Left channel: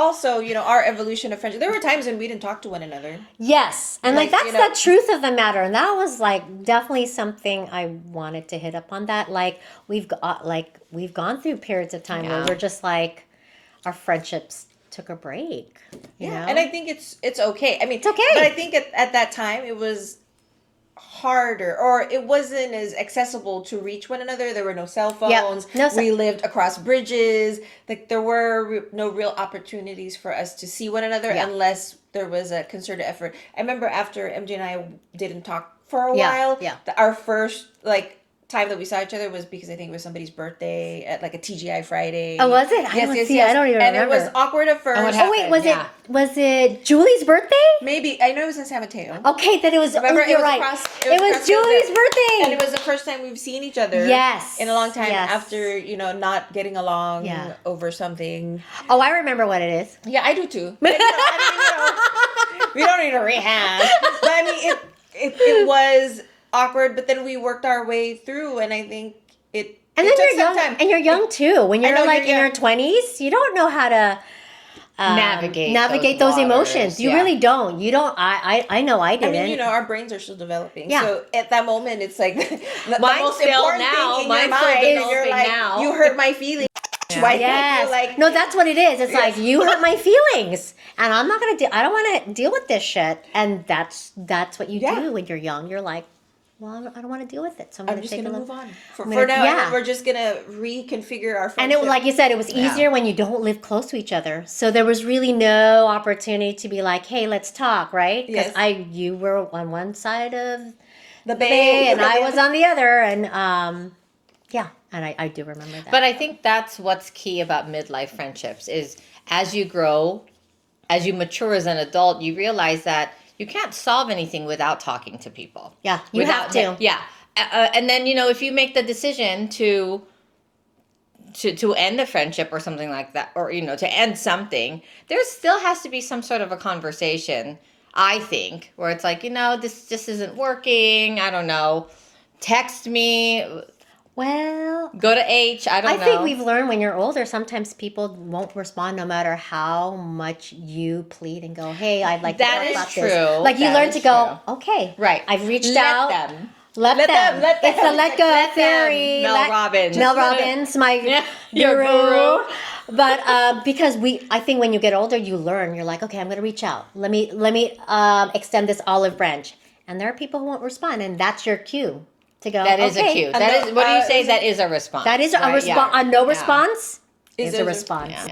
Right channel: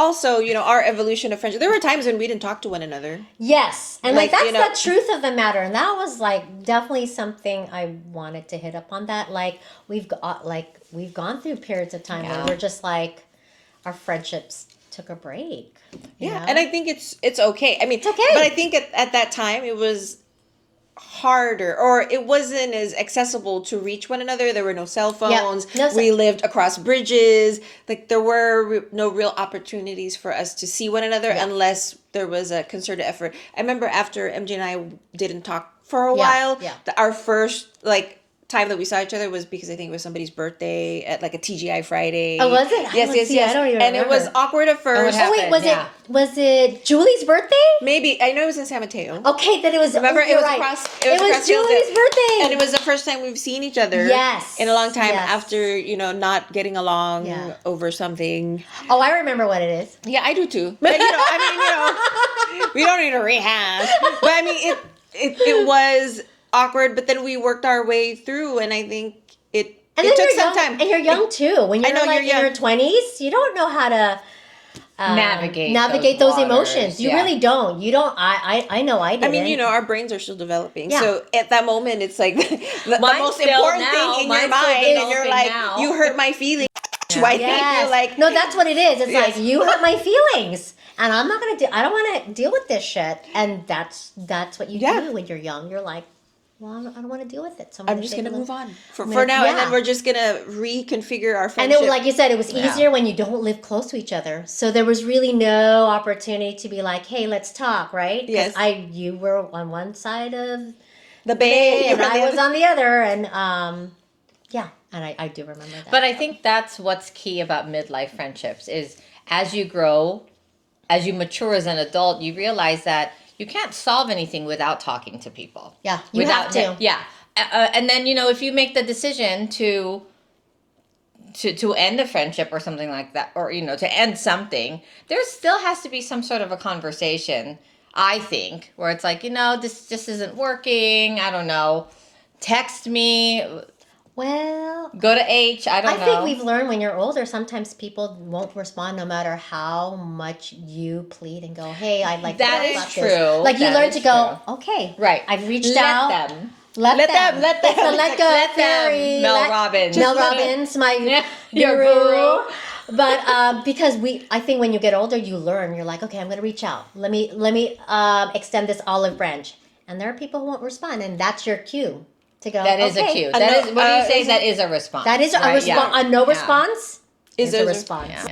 also, our evolution of friendship. There were times when we didn't talk to one another. Yes. And that's the truth of the matter. And that was definitely something I wanted to hit up on that. We've gone through periods of time where we're just our friendships took a break. You know? And I think it's okay. I mean, it's okay. But I think at that time it was harder, or it wasn't as accessible to reach one another. There were no cell phones. We lived across bridges. There were no real opportunities for us to see one another unless there was a concerted effort. I remember after MJ and I didn't talk for a while, our first time that we saw each other was because I think it was somebody's birthday at a TGI Friday. Oh, was it? Yes. I don't even remember. And it was awkward at first. Was it Julie's birthday? Maybe. I know it was in San Mateo. Okay, then it was. Remember, it was right. across. It was Julie's birthday, and it was the first time we've seen each other. Yes. In a long time after not getting along over something. Oh, I remember what it is. Yeah, I do too. But we don't need to rehash. But I mean, it was awkward, but then we worked our way through, and I think it took some time. And you're young too. When you're in your 20s, you don't know how to navigate those emotions. You really don't. You don't. I know I didn't. I mean, our brains are still developing. Yeah. So at that moment, it's the most important thing in your mind, and you're you hurt my feelings. Yeah. I think you're no, that's what it is. It's you hurt my feelings. And I'm not I don't want to deal with this shit. And that's what you do when you're young. You're like, well, I don't want to deal with it. So I'm just going to move on for now. And then we're just going to reconfigure our friendship. And like you said, it was easier when you don't live close to each other. So there was really no opportunity to be like, hey, let's talk, right? Because you were on one side of the bay and I was on the other. And and I do remember that. But I think that's what's key about midlife friendships is as you grow, as you mature as an adult, you realize that you can't solve anything without talking to people. Yeah, you have to. Yeah. And then, if you make the decision to end the friendship or something like that, or, to end something, there still has to be some sort of a conversation, I think, where it's like, this just isn't working. I don't know. Text me. Well, go to H. I don't know. I think we've learned when you're older, sometimes people won't respond no matter how much you plead and go, hey, I'd like to talk about this. True. You learn to go, okay, right. I've reached out. Let them. It's a let go fairy. Mel Robbins. Mel Robbins, my guru. But because I think when you get older, you learn. You're like, okay, I'm going to reach out. Let me extend this olive branch. And there are people who won't respond, and that's your cue. To go, that is a cue. That is. What do you say? That is a response. That is a response. A no response is a response. Yeah.